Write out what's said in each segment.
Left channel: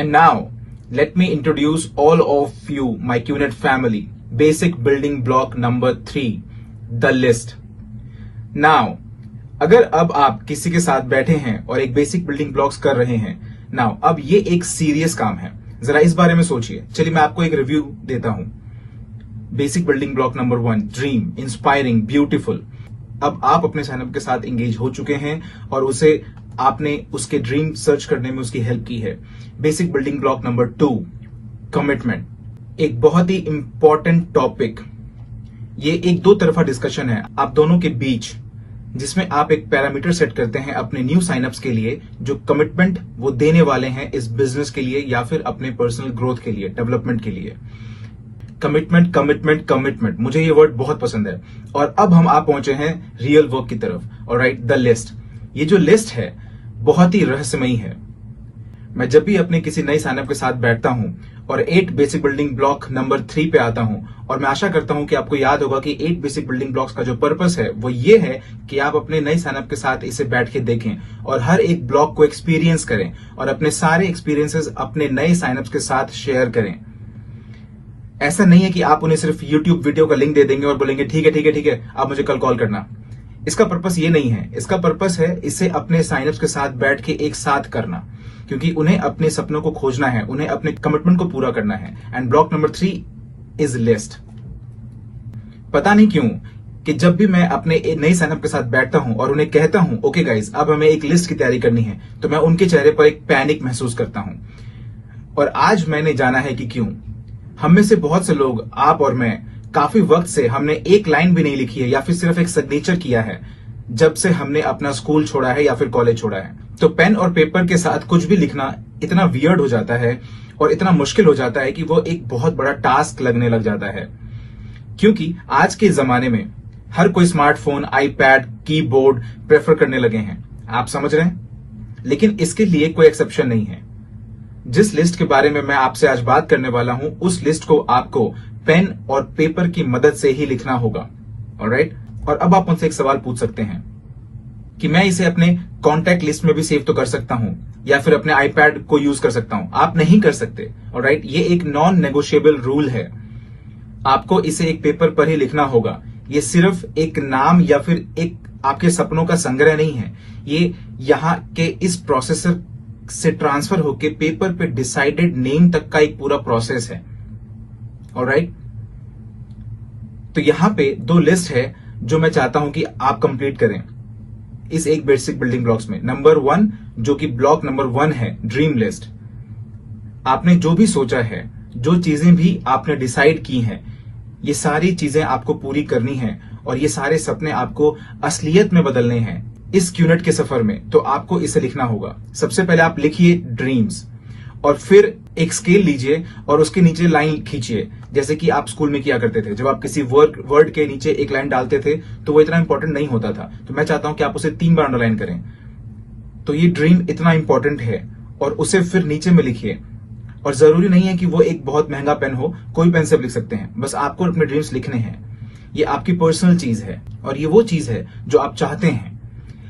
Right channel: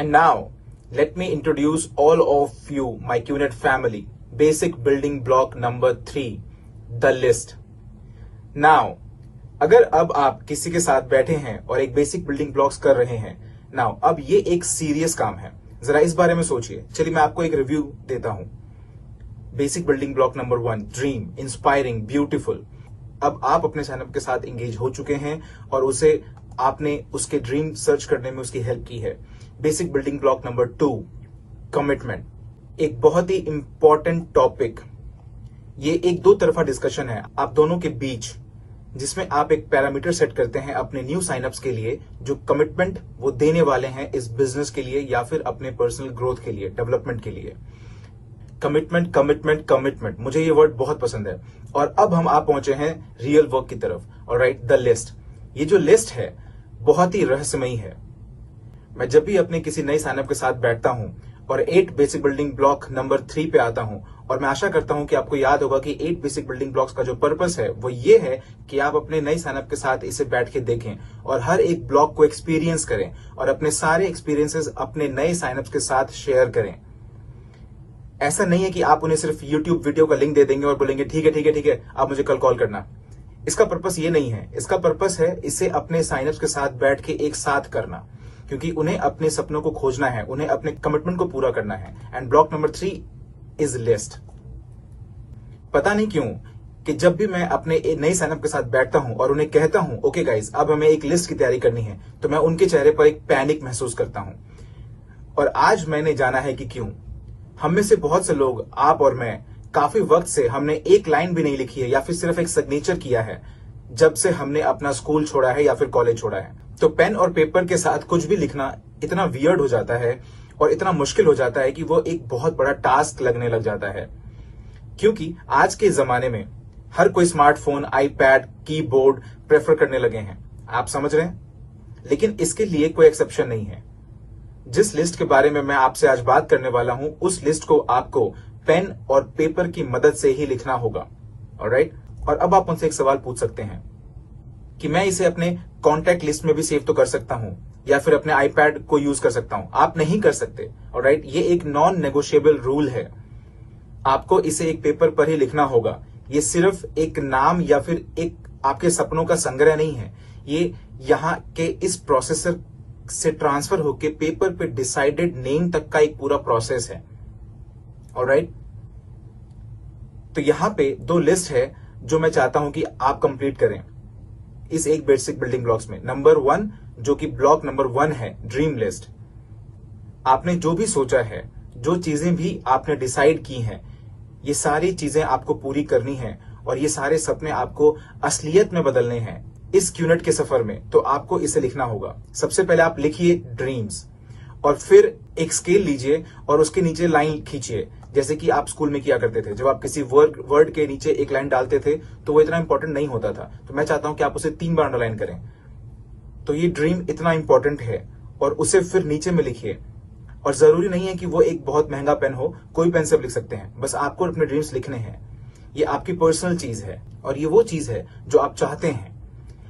And now, let me introduce all of you, my QNet family. Basic building block number 3, the list. Now, अगर अब आप किसी के साथ बैठे हैं और एक बेसिक बिल्डिंग ब्लॉक्स कर रहे हैं, नाउ अब ये एक सीरियस काम है, जरा इस बारे में सोचिए। चलिए मैं आपको एक रिव्यू देता हूं। Basic building block number 1, dream, inspiring, beautiful. अब आप अपने साइनअप के साथ एंगेज हो चुके हैं और उसे आपने उसके ड्रीम सर्च करने में उसकी हेल्प की है। Basic building block number 2, commitment, एक बहुत ही इंपॉर्टेंट टॉपिक। ये एक दो तरफा डिस्कशन है आप दोनों के बीच, जिसमें आप एक पैरामीटर सेट करते हैं अपने न्यू साइनअप्स के लिए, जो कमिटमेंट वो देने वाले हैं इस बिजनेस के लिए या फिर अपने पर्सनल ग्रोथ के लिए, डेवलपमेंट के लिए। कमिटमेंट कमिटमेंट कमिटमेंट, मुझे ये वर्ड बहुत पसंद है। और अब हम आप पहुंचे हैं रियल वर्क की तरफ। Alright, the list. ये जो लिस्ट है बहुत ही रहस्यमयी है। मैं जब भी अपने किसी नए साइनअप के साथ बैठता हूं और 8 बेसिक बिल्डिंग ब्लॉक नंबर 3 पे आता हूं, और मैं आशा करता हूं कि आपको याद होगा कि 8 बेसिक बिल्डिंग ब्लॉक्स का जो पर्पस है वो ये है कि आप अपने नए साइनअप के साथ इसे बैठ के देखें और हर एक ब्लॉक को एक्सपीरियंस करें और अपने सारे एक्सपीरियंसेस अपने नए साइनअप्स के साथ शेयर करें। ऐसा नहीं है कि आप उन्हें सिर्फ यूट्यूब वीडियो का लिंक दे देंगे और बोलेंगे ठीक है ठीक है ठीक है, आप मुझे कल कॉल करना। इसका पर्पस ये नहीं है। इसका पर्पस है इसे अपने साइनअप्स के साथ बैठ के एक साथ करना, क्योंकि उन्हें अपने सपनों को खोजना है, उन्हें अपने कमिटमेंट को पूरा करना है। And block number 3 is list. पता नहीं क्यों कि जब भी मैं अपने नए साइनअप के साथ बैठता हूं और उन्हें कहता हूं ओके गाइस अब हमें एक लिस्ट की तैयारी करनी है, तो मैं उनके चेहरे पर एक पैनिक महसूस करता हूं। और आज मैंने जाना है कि क्यों। हम में से बहुत से लोग, आप और मैं, काफी वक्त से हमने एक लाइन भी नहीं लिखी है या फिर सिर्फ एक सिग्नेचर किया है जब से हमने अपना स्कूल छोड़ा है या फिर कॉलेज छोड़ा है। तो पेन और पेपर के साथ कुछ भी लिखना इतना वियर्ड हो जाता है और इतना मुश्किल हो जाता है कि वो एक बहुत बड़ा टास्क लगने लग जाता है। क्योंकि आज के जमाने में हर कोई स्मार्टफोन, आईपैड, कीबोर्ड प्रेफर करने लगे हैं। आप समझ रहे हैं? लेकिन इसके लिए कोई एक्सेप्शन नहीं है। जिस लिस्ट के बारे में मैं आपसे आज बात करने वाला हूं, उस लिस्ट को आपको पेन और पेपर की मदद से ही लिखना होगा। ऑलराइट? और अब आप मुझसे एक सवाल पूछ सकते हैं कि मैं इसे अपने कॉन्टैक्ट लिस्ट में भी सेव तो कर सकता हूं या फिर अपने आईपैड को यूज कर सकता हूं। आप नहीं कर सकते। ऑलराइट? ये एक नॉन नेगोशिएबल रूल है। आपको इसे एक पेपर पर ही लिखना होगा। ये सिर्फ एक नाम या फिर एक आपके सपनों का संग्रह नहीं है। ये यहां के इस प्रोसेसर से ट्रांसफर होके पेपर पे डिसाइडेड नेम तक का एक पूरा प्रोसेस है। ऑलराइट? तो यहां पे 2 लिस्ट है जो मैं चाहता हूं कि आप कंप्लीट करें इस एक बेसिक बिल्डिंग ब्लॉक्स में। नंबर 1 जो कि ब्लॉक नंबर 1 है, ड्रीम लिस्ट। आपने जो भी सोचा है, जो चीजें भी आपने डिसाइड की हैं, ये सारी चीजें आपको पूरी करनी है और ये सारे सपने आपको असलियत में बदलने हैं इस क्यूनेट के सफर में। तो आपको इसे लिखना होगा। सबसे पहले आप लिखिए ड्रीम्स और फिर एक स्केल लीजिए और उसके नीचे लाइन खींचिए, जैसे कि आप स्कूल में किया करते थे। जब आप किसी वर्ड के नीचे एक लाइन डालते थे तो वो इतना इंपॉर्टेंट नहीं होता था। तो मैं चाहता हूं कि आप उसे 3 बार अंडरलाइन करें। तो ये ड्रीम इतना इंपॉर्टेंट है और उसे फिर नीचे में लिखिए। और जरूरी नहीं है कि वो एक बहुत महंगा पेन हो, कोई पेन से लिख सकते हैं। बस आपको अपने ड्रीम्स लिखने हैं। ये आपकी पर्सनल चीज है और ये वो चीज है जो आप चाहते हैं।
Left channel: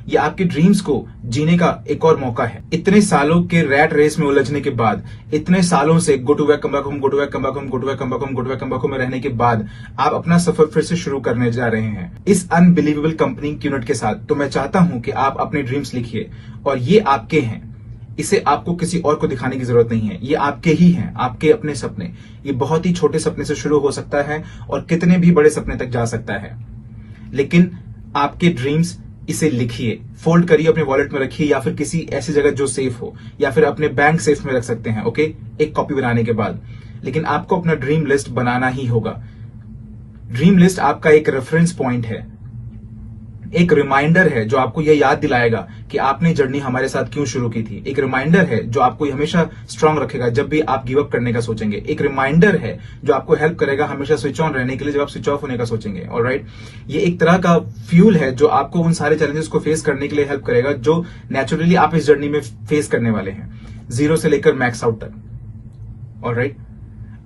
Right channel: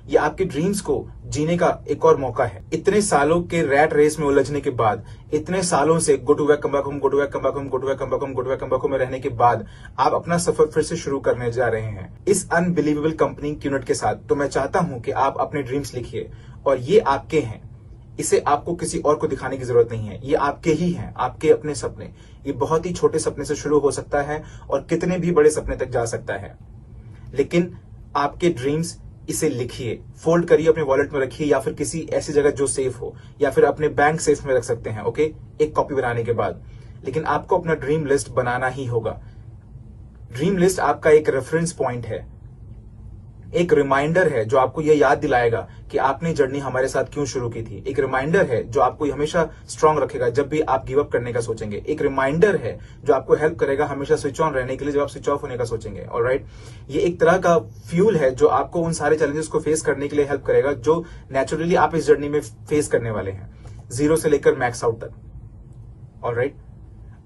ये आपके ड्रीम्स को जीने का एक और मौका है। इतने सालों के रैट रेस में उलझने के बाद, इतने सालों से go to back come back home, go to back come back home, go to back come back home, go to back come back home में रहने के बाद आप अपना सफर फिर से शुरू करने जा रहे हैं इस अनबिलीवेबल कंपनी क्यूनेट के साथ। तो मैं चाहता हूं कि आप अपने ड्रीम्स लिखिए और ये आपके हैं। इसे आपको किसी और को दिखाने की जरूरत नहीं है। ये आपके ही हैं, आपके अपने सपने। ये बहुत ही छोटे सपने से शुरू हो सकता है और कितने भी बड़े सपने तक जा सकता है। लेकिन आपके ड्रीम्स, इसे लिखिए, फोल्ड करिए, अपने वॉलेट में रखिए या फिर किसी ऐसी जगह जो सेफ हो, या फिर अपने बैंक सेफ में रख सकते हैं। ओके, एक कॉपी बनाने के बाद। लेकिन आपको अपना ड्रीम लिस्ट बनाना ही होगा। ड्रीम लिस्ट आपका एक रेफरेंस पॉइंट है, एक रिमाइंडर है जो आपको यह याद दिलाएगा कि आपने जर्नी हमारे साथ क्यों शुरू की थी। एक रिमाइंडर है जो आपको हमेशा स्ट्रांग रखेगा जब भी आप गिव अप करने का सोचेंगे। एक रिमाइंडर है जो आपको हेल्प करेगा हमेशा स्विच ऑन रहने के लिए जब आप स्विच ऑफ होने का सोचेंगे। ऑलराइट? ये एक तरह का फ्यूल है जो आपको उन सारे चैलेंजेस को फेस करने के लिए हेल्प करेगा जो नेचुरली आप इस जर्नी में फेस करने वाले हैं, 0 से लेकर मैक्स आउट तक। ऑलराइट?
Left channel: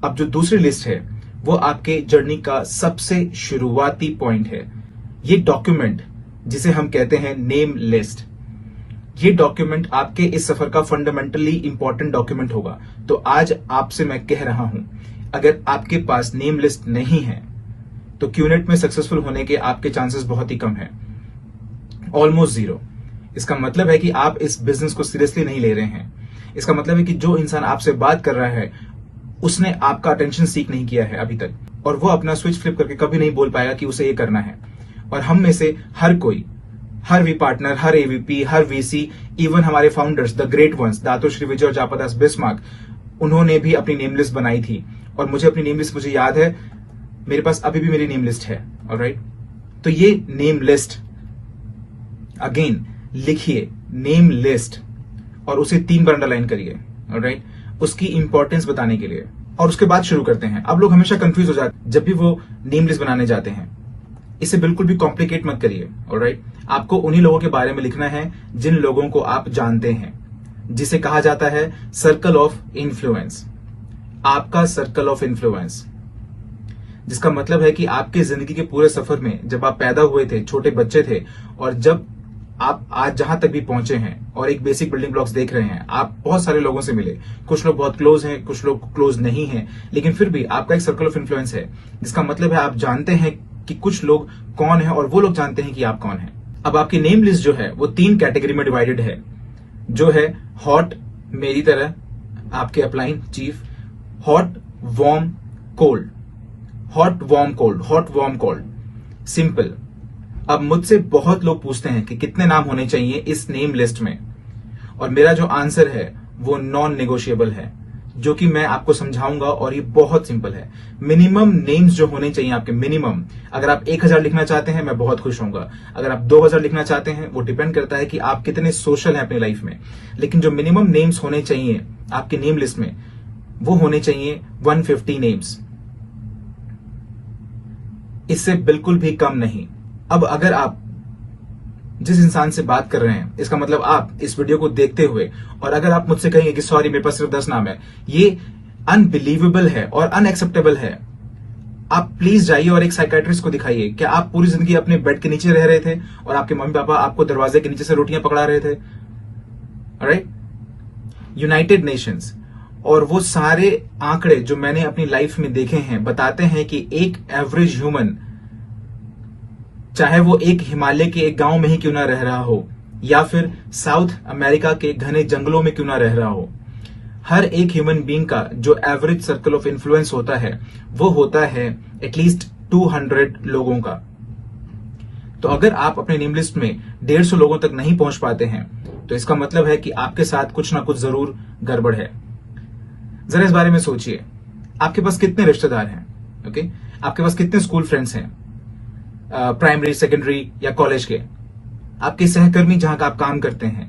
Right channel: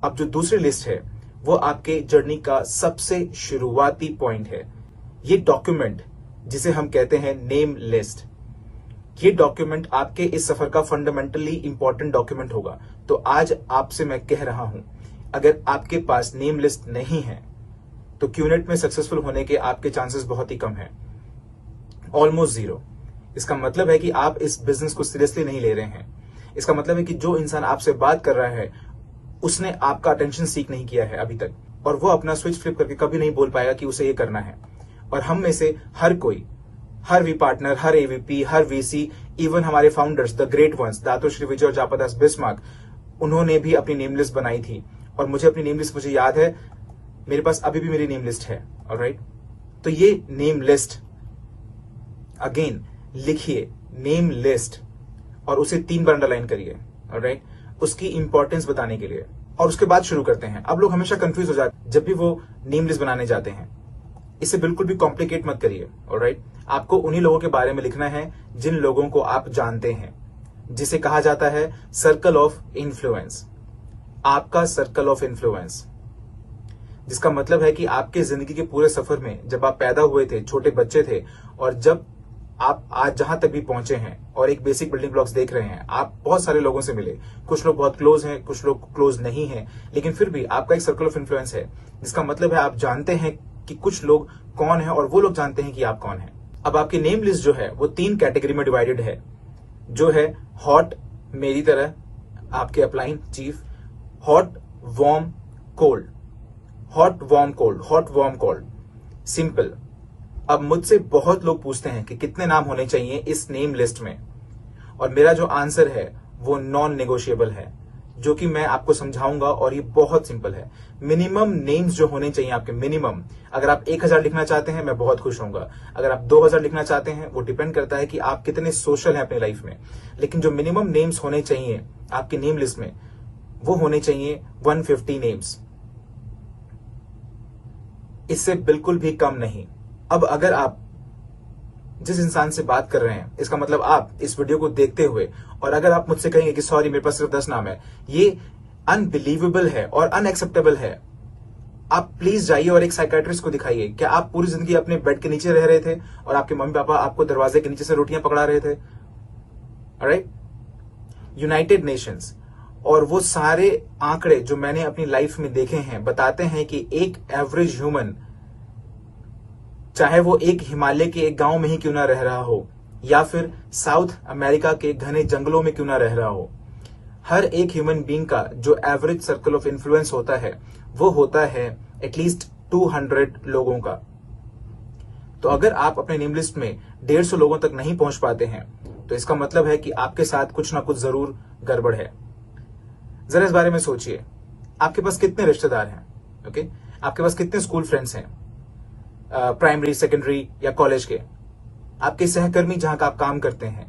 अब जो दूसरी लिस्ट है वो आपके जर्नी का सबसे शुरुआती पॉइंट है। ये डॉक्यूमेंट जिसे हम कहते हैं नेम लिस्ट। ये डॉक्यूमेंट आपके इस सफर का फंडामेंटली इंपॉर्टेंट डॉक्यूमेंट होगा। तो आज आपसे मैं कह रहा हूं, अगर आपके पास नेम लिस्ट नहीं है तो क्यूनेट में सक्सेसफुल होने के आपके चांसेस बहुत ही कम है, ऑलमोस्ट जीरो। इसका मतलब है कि आप इस बिजनेस को सीरियसली नहीं ले रहे हैं। इसका मतलब है कि जो इंसान आपसे बात कर रहा है उसने आपका अटेंशन सीक नहीं किया है अभी तक, और वो अपना स्विच फ्लिप करके कभी नहीं बोल पाएगा कि उसे ये करना है। और हम में से हर कोई, हर वी पार्टनर, हर एवीपी, हर वीसी, इवन हमारे founders, the great ones, Dato' Sri Vijay और जापादास बिस्मार्क, उन्होंने भी अपनी नेम लिस्ट बनाई थी। और मुझे अपनी नेम लिस्ट मुझे याद है, मेरे पास अभी भी मेरी नेम लिस्ट है। ऑलराइट, तो ये नेम लिस्ट, अगेन लिखिए नेम लिस्ट और उसे 3 बार अंडरलाइन करिए। ऑलराइट, उसकी इंपॉर्टेंस बताने के लिए। और उसके बाद शुरू करते हैं। अब लोग हमेशा कंफ्यूज हो जाते हैं जब भी वो नेम लिस्ट बनाने जाते हैं। इसे बिल्कुल भी कॉम्प्लिकेट मत करिए। ऑलराइट, आपको उन्हीं लोगों के बारे में लिखना है जिन लोगों को आप जानते हैं, जिसे कहा जाता है सर्कल ऑफ इन्फ्लुएंस। आपका सर्कल ऑफ इन्फ्लुएंस, जिसका मतलब है कि आपके जिंदगी के पूरे सफर में, जब आप पैदा हुए थे, छोटे बच्चे थे, और जब आप आज जहां तक भी पहुंचे हैं और एक बेसिक बिल्डिंग ब्लॉक्स देख रहे हैं, आप बहुत सारे लोगों से मिले। कुछ लोग बहुत क्लोज हैं, कुछ लोग क्लोज नहीं हैं, लेकिन फिर भी आपका एक सर्कल ऑफ इन्फ्लुएंस है, जिसका मतलब है आप जानते हैं कि कुछ लोग कौन है और वो लोग जानते हैं कि आप कौन है। अब आपकी नेम लिस्ट जो है वो 3 कैटेगरी में डिवाइडेड है, जो है हॉट, मेरी तरह, आपके upline chief, hot, warm, cold. Hot, warm, cold, hot, warm, cold, simple. अब मुझसे बहुत लोग पूछते हैं कि कितने नाम होने चाहिए इस नेम लिस्ट में, और मेरा जो आंसर है वो नॉन नेगोशिएबल है, जो कि मैं आपको समझाऊंगा। और ये बहुत सिंपल है। मिनिमम नेम्स जो होने चाहिए आपके, मिनिमम, अगर आप 1000 लिखना चाहते हैं मैं बहुत खुश होऊंगा। अगर आप 2000 लिखना चाहते हैं, वो डिपेंड करता है कि आप कितने सोशल हैं अपनी लाइफ में। लेकिन जो मिनिमम नेम्स होने चाहिए आपकी नेम लिस्ट में, वो होने चाहिए 150 नेम्स, इससे बिल्कुल भी कम नहीं। अब अगर आप जिस इंसान से बात कर रहे हैं, इसका मतलब आप इस वीडियो को देखते हुए, और अगर आप मुझसे कहेंगे कि सॉरी मेरे पास सिर्फ 10 नाम है, ये अनबिलीवेबल है और अनएक्सेप्टेबल है। आप प्लीज जाइए और एक साइकियाट्रिस्ट को दिखाइए। क्या आप पूरी जिंदगी अपने बेड के नीचे रह रहे थे और आपके मम्मी पापा आपको दरवाजे के नीचे से रोटियां पकड़ा रहे थे? ऑलराइट, यूनाइटेड नेशंस और वो सारे आंकड़े जो मैंने अपनी लाइफ में देखे हैं बताते हैं कि एक एवरेज ह्यूमन, चाहे वो एक हिमालय के एक गांव में ही क्यों ना रह रहा हो या फिर साउथ अमेरिका के घने जंगलों में क्यों ना रह रहा हो, हर एक ह्यूमन बीइंग का जो एवरेज सर्कल ऑफ इन्फ्लुएंस होता है वो होता है एटलीस्ट 200 लोगों का। तो अगर आप अपने नेम लिस्ट में 150 लोगों तक नहीं पहुंच पाते हैं तो इसका मतलब है कि आपके साथ कुछ ना कुछ जरूर गड़बड़ है। जरा इस बारे में सोचिए, आपके पास कितने रिश्तेदार हैं? ओके, आपके पास कितने स्कूल फ्रेंड्स हैं, प्राइमरी, सेकेंडरी या कॉलेज के, आपके सहकर्मी जहां का आप काम करते हैं,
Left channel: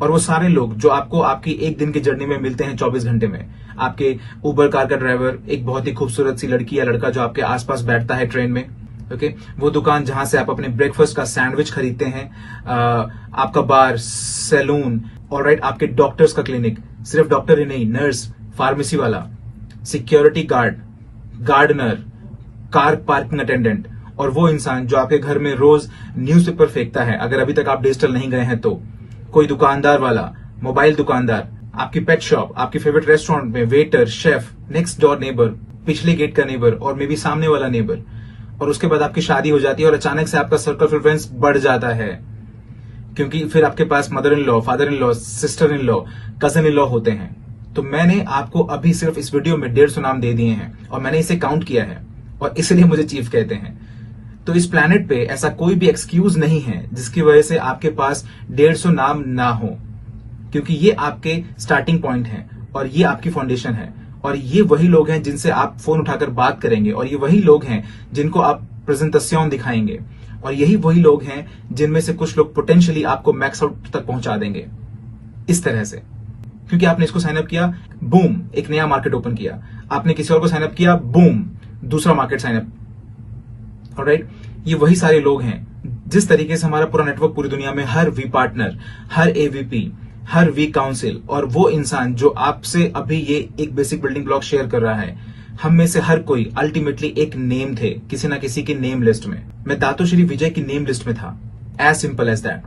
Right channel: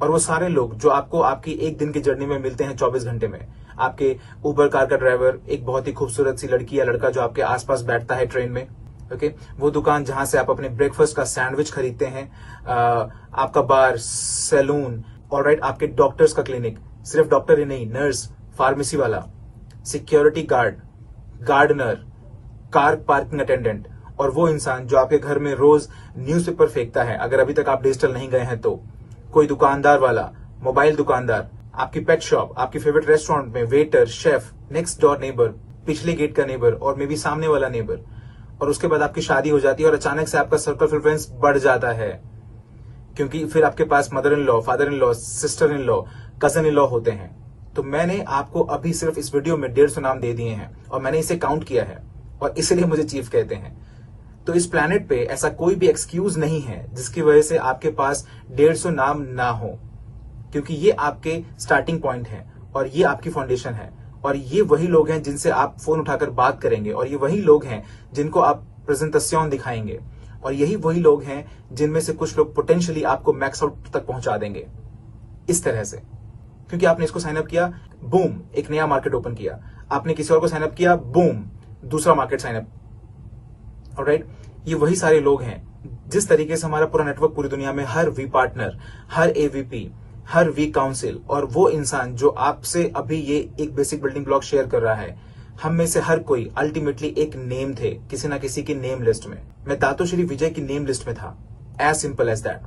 और वो सारे लोग जो आपको आपकी एक दिन की जर्नी में मिलते हैं 24 घंटे में। आपके उबर कार का ड्राइवर, एक बहुत ही खूबसूरत सी लड़की या लड़का जो आपके आसपास बैठता है ट्रेन में, ओके, वो दुकान जहां से आप अपने ब्रेकफास्ट का सैंडविच खरीदते हैं, आपका बार, सैलून, ऑलराइट, आपके डॉक्टर्स का क्लिनिक, सिर्फ डॉक्टर ही नहीं, नर्स, फार्मेसी वाला, security guard, gardener, car parking attendant, और वो इंसान जो आपके घर में रोज न्यूज़पेपर फेंकता है, अगर अभी तक आप डिजिटल नहीं गए हैं तो, कोई दुकानदार वाला, मोबाइल दुकानदार, आपकी पेट शॉप, आपके फेवरेट रेस्टोरेंट में waiter, chef, next door neighbour, पिछले गेट का नेबर और मे बी सामने वाला नेबर। और उसके बाद आपकी शादी हो जाती है और अचानक से आपका सर्कल ऑफ इन्फ्लुएंस बढ़ जाता है, क्योंकि फिर आपके पास mother in law, father in law, sister in law, cousin in law होते हैं। तो मैंने आपको अभी सिर्फ इस वीडियो में 150 नाम दे दिए हैं और मैंने इसे काउंट किया है, और इसलिए मुझे चीफ कहते हैं। तो इस प्लैनेट पे ऐसा कोई भी एक्सक्यूज नहीं है जिसकी वजह से आपके पास 150 नाम ना हो, क्योंकि ये आपके स्टार्टिंग पॉइंट है और ये आपकी फाउंडेशन है, और ये वही लोग हैं जिनसे आप फोन उठाकर बात करेंगे, और ये वही लोग हैं जिनको आप प्रेजेंटेशन दिखाएंगे, और यही वही लोग हैं जिनमें से कुछ लोग पोटेंशियली आपको मैक्स आउट तक पहुंचा देंगे इस तरह से। क्योंकि आपने इसको साइनअप किया, बूम, एक नया मार्केट ओपन किया, आपने किसी और को साइनअप किया, बूम, दूसरा मार्केट साइनअप। ऑलराइट, ये वही सारे लोग हैं। जिस तरीके से हमारा पूरा नेटवर्क पूरी दुनिया में, हर वी पार्टनर, हर एवीपी, हर वी काउंसिल, और वो इंसान जो आपसे अभी ये एक बेसिक बिल्डिंग ब्लॉक शेयर कर रहा है, हम में से हर कोई अल्टीमेटली एक नेम थे किसी ना किसी की नेम लिस्ट में। मैं दातोश्री विजय की नेम लिस्ट में था, एज सिंपल एज दैट।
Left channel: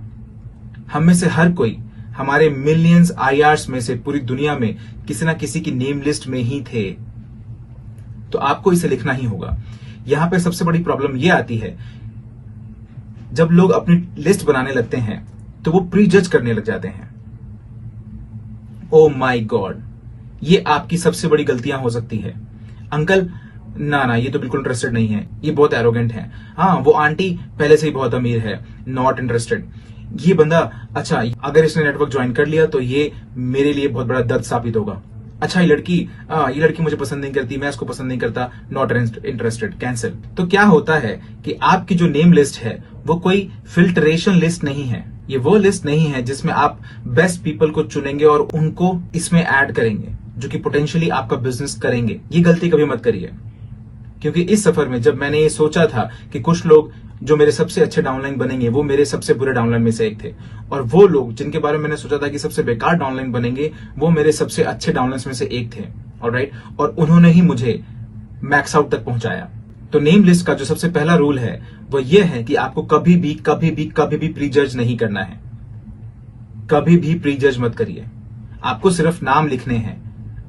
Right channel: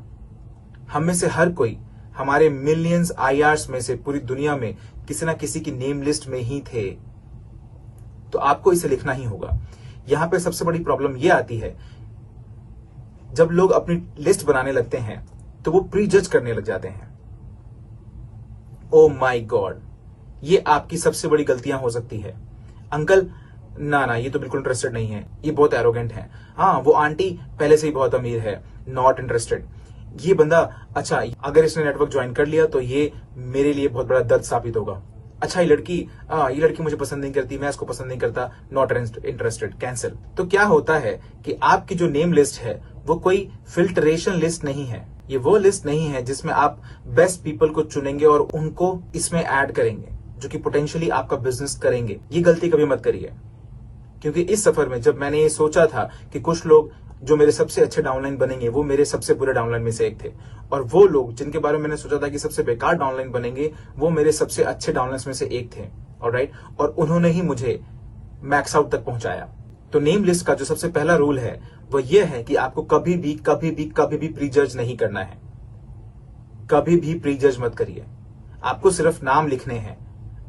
हम में से हर कोई हमारे मिलियंस IRs में से पूरी दुनिया में किसी ना किसी की नेम लिस्ट में ही थे। तो आपको इसे लिखना ही होगा। यहां पे सबसे बड़ी प्रॉब्लम यह आती है, जब लोग अपनी लिस्ट बनाने लगते हैं तो वो प्री जज करने लग जाते हैं। ओ माय गॉड, ये आपकी सबसे बड़ी गलतियां हो सकती है। अंकल ना ये तो बिल्कुल इंटरेस्टेड नहीं है, ये बहुत एरोगेंट है। हाँ, वो आंटी पहले से ही बहुत अमीर है, नॉट इंटरेस्टेड। ये बंदा, अच्छा अगर इसने नेटवर्क ज्वाइन कर लिया तो ये मेरे लिए बहुत बड़ा दर्द साबित होगा। अच्छा ये लड़की मुझे पसंद नहीं करती, मैं इसको पसंद नहीं करता, नॉट इंटरेस्टेड, कैंसिल। तो क्या होता है कि आपकी जो नेम लिस्ट है वो कोई फिल्ट्रेशन लिस्ट नहीं है। ये वो लिस्ट नहीं है जिसमें आप बेस्ट पीपल को चुनेंगे और उनको इसमें ऐड करेंगे जो कि पोटेंशियली आपका बिजनेस करेंगे। ये गलती कभी मत करिए, क्योंकि इस सफर में जब मैंने ये सोचा था कि कुछ लोग जो मेरे सबसे अच्छे डाउनलाइन बनेंगे वो मेरे सबसे बुरे डाउनलाइन में से एक थे, और वो लोग जिनके बारे में मैंने सोचा था कि सबसे बेकार डाउनलाइन बनेंगे वो मेरे सबसे अच्छे डाउनलाइन में से एक थे। ऑलराइट, और उन्होंने ही मुझे मैक्स आउट तक पहुंचाया। तो नेम लिस्ट का जो सबसे पहला रूल है वो ये है कि आपको कभी भी प्री जज नहीं करना है। कभी भी प्री जज मत करिए, आपको सिर्फ नाम लिखने हैं।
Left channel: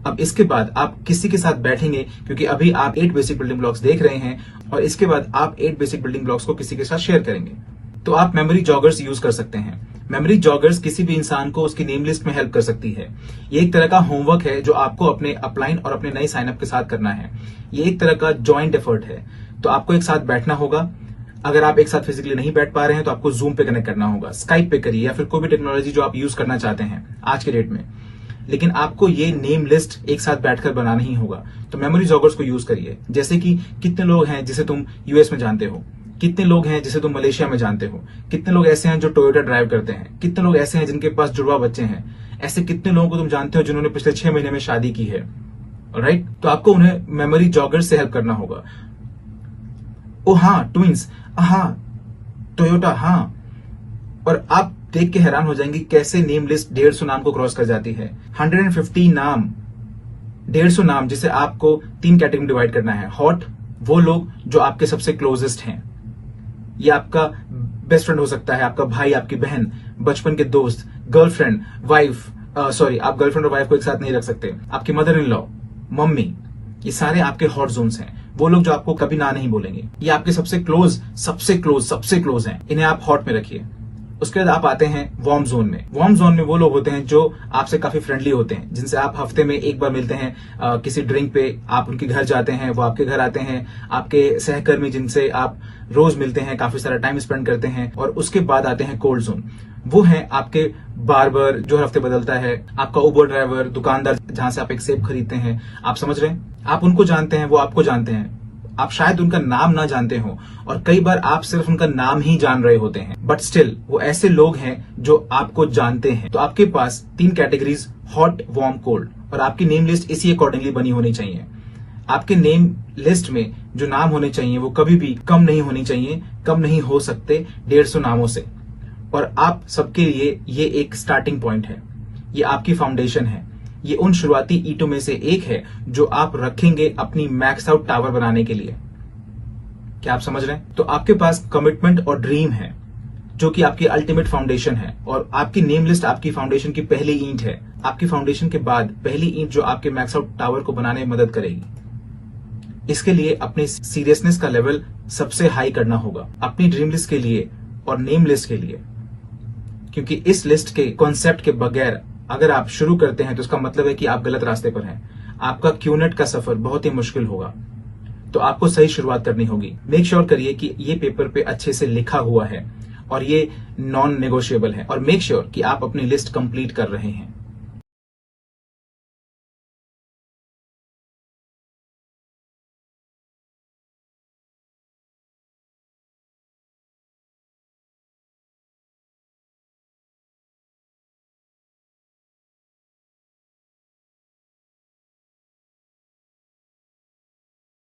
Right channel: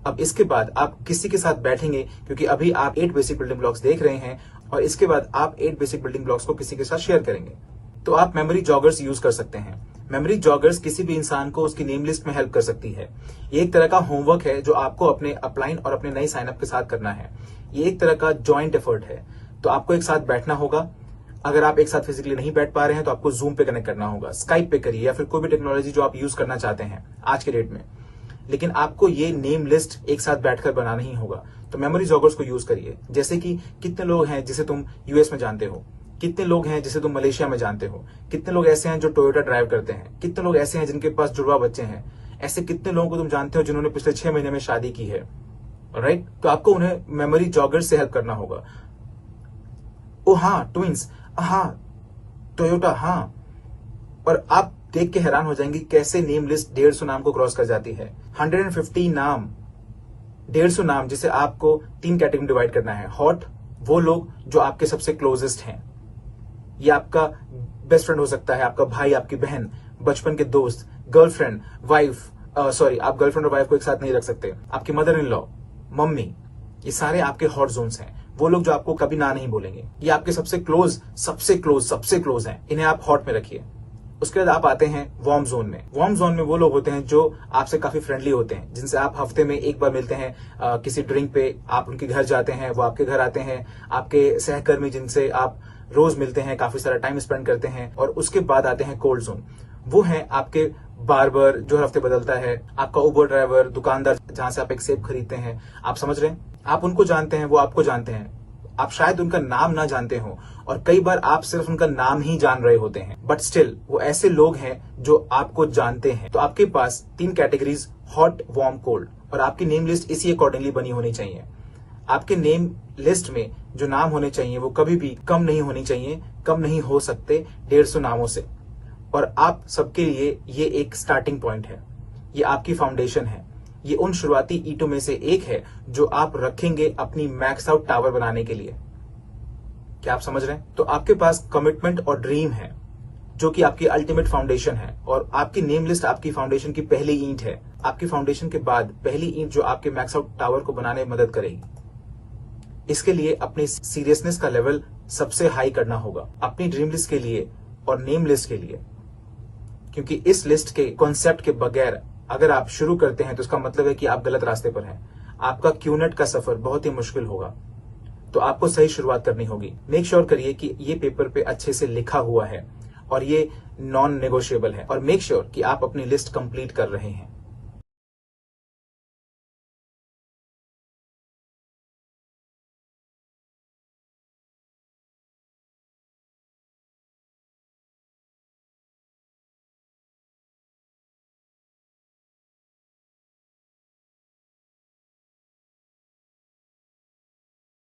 अब इसके बाद आप किसी के साथ बैठेंगे, क्योंकि अभी आप 8 बेसिक बिल्डिंग ब्लॉक्स देख रहे हैं और इसके बाद आप 8 बेसिक बिल्डिंग ब्लॉक्स को किसी के साथ शेयर करेंगे। तो आप मेमोरी जॉगर्स यूज कर सकते हैं। मेमोरी जॉगर्स किसी भी इंसान को उसकी नेम लिस्ट में हेल्प कर सकती है। ये एक तरह का होमवर्क है जो आपको अपने अपलाइन और अपने नए साइनअप के साथ करना है। ये एक तरह का ज्वाइंट एफर्ट है। तो आपको एक साथ बैठना होगा। अगर आप एक साथ फिजिकली नहीं बैठ पा रहे हैं तो आपको जूम पे कनेक्ट करना होगा, स्काइप पे करिए, या फिर कोई भी टेक्नोलॉजी जो आप यूज करना चाहते हैं आज के डेट में। लेकिन आपको ये नेम लिस्ट एक साथ बैठकर बनाना ही होगा। तो मेमोरी जॉगर्स को यूज करिए। जैसे कि कितने लोग हैं जिसे तुम यूएस में जानते हो, कितने लोग हैं जिसे तुम मलेशिया में जानते हो, कितने लोग ऐसे हैं जो टोयोटा ड्राइव करते हैं, कितने लोग ऐसे हैं जिनके पास जुड़वा बच्चे हैं, ऐसे कितने लोगों को तुम जानते हो जिन्होंने पिछले 6 महीने में शादी की है। राइट, तो आपको उन्हें मेमोरी जॉगर्स से हेल्प करना होगा। ओ हाँ, ट्विंस, हाँ टोयोटा, हाँ। और आप देख के हैरान हो जाएंगे कैसे नेम लिस्ट 150 नाम को क्रॉस कर जाती है। 150 नाम, 150 नाम, जिसे आपको 3 कैटेगरी में डिवाइड करना है। हॉट, वो लोग जो आपके सबसे क्लोजेस्ट हैं। ये आपका बेस्ट फ्रेंड हो सकता है, आपका भाई, आपकी बहन, बचपन के दोस्त, गर्लफ्रेंड, वाइफ, सॉरी आप गर्लफ्रेंड और वाइफ को एक साथ नहीं रख सकते, आपकी मदर इन लॉ, मम्मी, ये सारे आपके हॉट जोन्स हैं। वो लोग जो आपको कभी ना नहीं बोलेंगे, ये आपके सबसे क्लोज हैं, इन्हें आप हॉट में रखिए। उसके बाद आप आते हैं वार्म जोन में। वार्म जोन में वो लोग होते हैं जो आपसे काफी फ्रेंडली होते हैं, जिनसे आप हफ्ते में एक बार मिलते हैं, किसी ड्रिंक पे आप उनके घर जाते हैं, वो आपके घर आते हैं, आपके सहकर्मी जिनसे आप रोज मिलते हैं, काफी सारा टाइम स्पेंड करते हैं। और उसके बाद आते हैं कोल्ड जोन। वो हैं आपके बार्बर जो हर हफ्ते बदलता है, आपका उबर ड्राइवर, दुकानदार जहां से आप एक सेब खरीदते हैं। आप समझ रहे हैं, आप उनको जानते हैं, वो आपको जानते हैं, आप शायद उनका नाम ना जानते हो, और कई बार आप सिर्फ उनका नाम ही जान रहे होते हैं, बट स्टिल वो ऐसे लोग हैं जो आपको जानते हैं। तो आपके पास 3 कैटेगरीज, हॉट, वार्म, कोल्ड, और आपकी नेम लिस्ट इसी अकॉर्डिंगली बनी होनी चाहिए। आपके नेम लिस्ट में जो नाम होने चाहिए वो कभी भी कम नहीं होनी चाहिए, कम नहीं हो सकते 150 नामों से। और आप सबके लिए ये एक स्टार्टिंग पॉइंट है, ये आपकी फाउंडेशन है, ये उन शुरुआती ईंटों में से एक है जो आप रखेंगे अपनी मैक्स आउट टावर बनाने के लिए। क्या आप समझ रहे हैं? तो आपके पास कमिटमेंट और ड्रीम है जो कि आपकी अल्टीमेट फाउंडेशन है, और आपकी नेम लिस्ट आपकी फाउंडेशन की पहली ईंट है। आपकी फाउंडेशन के बाद पहली ईंट जो आपके मैक्स आउट टावर को बनाने में मदद करेगी। इसके लिए अपने सीरियसनेस का लेवल सबसे हाई करना होगा, अपनी ड्रीम लिस्ट के लिए और नेम लिस्ट के लिए, क्योंकि इस लिस्ट के कॉन्सेप्ट के बगैर अगर आप शुरू करते हैं तो इसका मतलब है कि आप गलत रास्ते पर हैं। आपका क्यूनेट का सफर बहुत ही मुश्किल होगा। तो आपको सही शुरुआत करनी होगी। मेक श्योर करिए कि ये पेपर पे अच्छे से लिखा हुआ है और ये नॉन नेगोशिएबल है, और मेक श्योर कि आप अपनी लिस्ट कंप्लीट कर रहे हैं।